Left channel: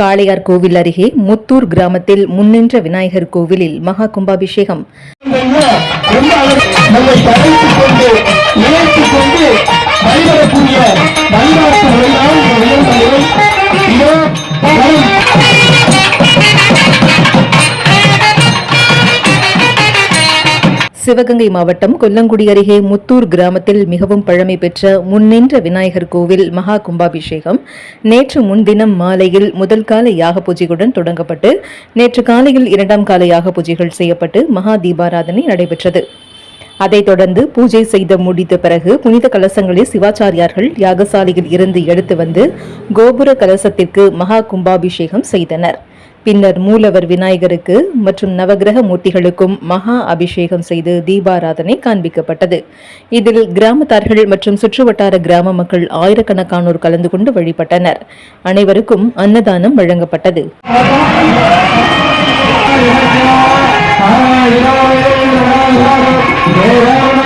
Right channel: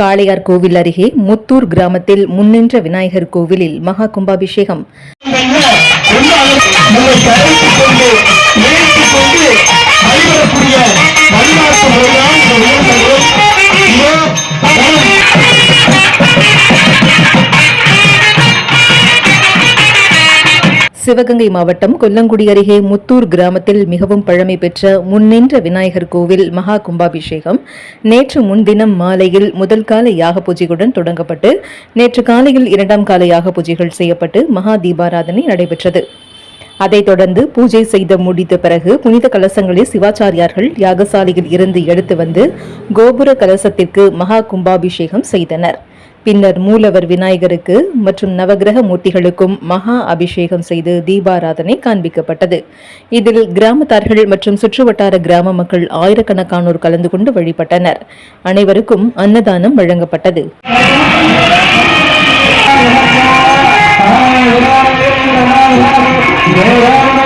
காளையார் கோவில் அருகே முத்தூர் கிராமத்தில் முன்னின்ற விநாயகர் கோவிலில் மகா கும்பாபிஷேகம். சிவகங்கை மாவட்டம் கொல்லங்குடி அருகே முத்தூர் கிராமத்தில் மிகவும் பழமை பெற்ற முன்னின்ற விநாயகர் கோவில் மகா கும்பாபிஷேகம் நேற்று முன்தினம் மாலையில் முதல் கால யாக பூஜையுடன் தொடங்கப்பட்டு நேற்று காலையில் இரண்டாம் கால யாக பூஜைகள் செய்யப்பட்டு மகா தீபாராதனை நடைபெற்றது. அதைத் தொடர்ந்து பூஜை செய்து முடித்த பிறகு புனித கலசங்களை சிவாச்சாரியார்கள் யாகசாலையில் இருந்து எடுத்து வந்து கோபுர கலசத்திற்கு மகா கும்பாபிஷேகம் செய்தனர். பின்னர் மூலவர் விநாயகருக்கு மற்றும் நவகிரக மூர்த்திகளுக்கும் மகா அபிஷேகம் செய்து தீபாராதனை காண்பிக்கப்பட்டது. இதில் கிராமத்தார்கள் மற்றும் சுற்றுவட்டார கிராம மக்கள் ஆயிரக்கணக்கானோர் கலந்து கொண்டு வழிபட்டனர். அனைவருக்கும் அன்னதானம் வழங்கப்பட்டது. Yeah.